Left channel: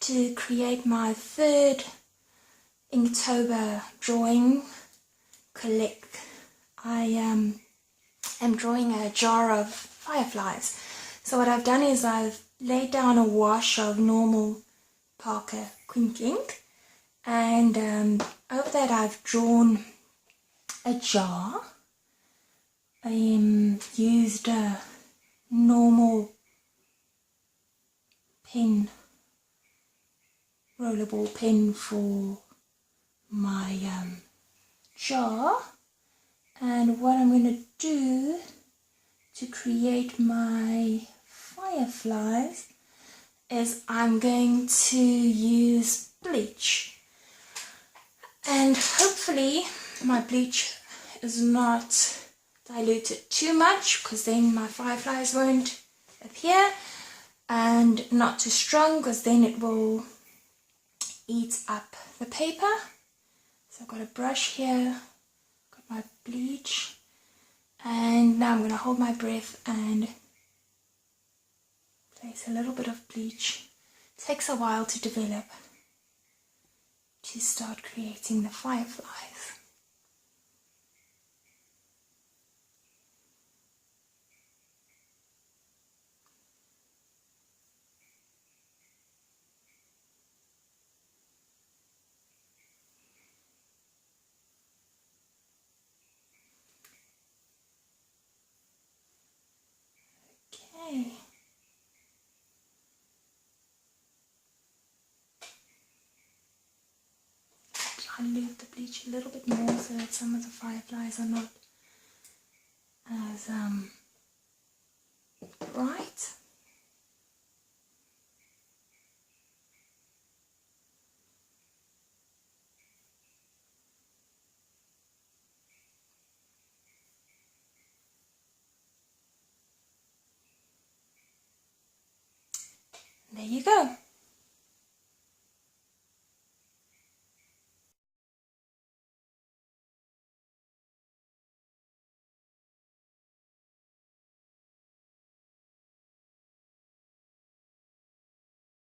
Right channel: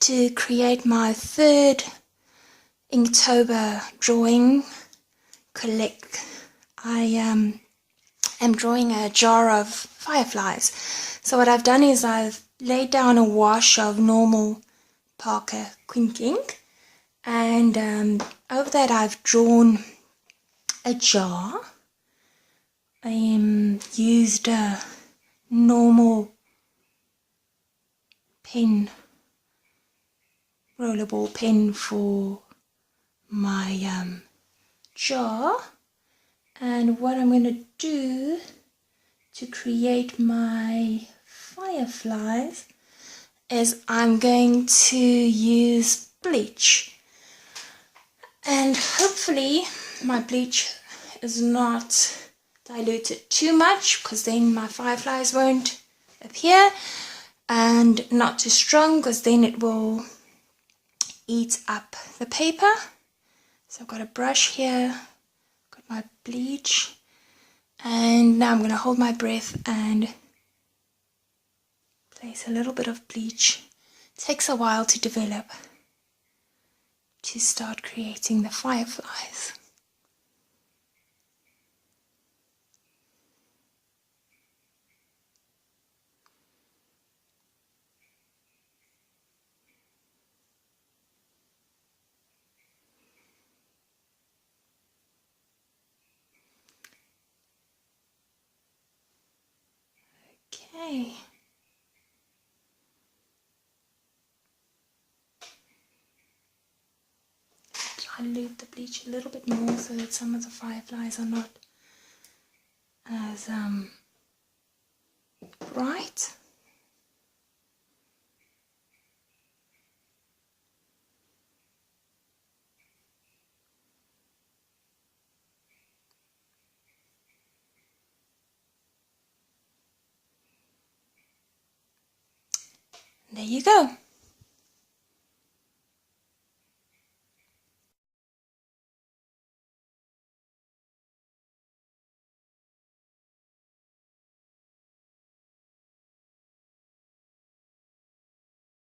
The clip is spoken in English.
to create my third Inktober drawing collect. I am drawing a jar of fireflies. So what I've done is I've laid down a wash of normal Parker Quink ink, and over that I've drawn a jar. I used a normal pen, rollerball pen for my jar, and what I'm going to do to create my fireflies is I'm going to use bleach, and hopefully my bleach is not diluted too much, because then my fireflies won't appear, and not too strong, because then it will eat up the paper. So I've got a brush here, got my bleach, and now I'm going to hold my breath and place a little bit of bleach. It takes a while to develop, to start creating the fireflies. Okay. Dilute the bleach a little bit more so that some of the fireflies are not as bright. There you go.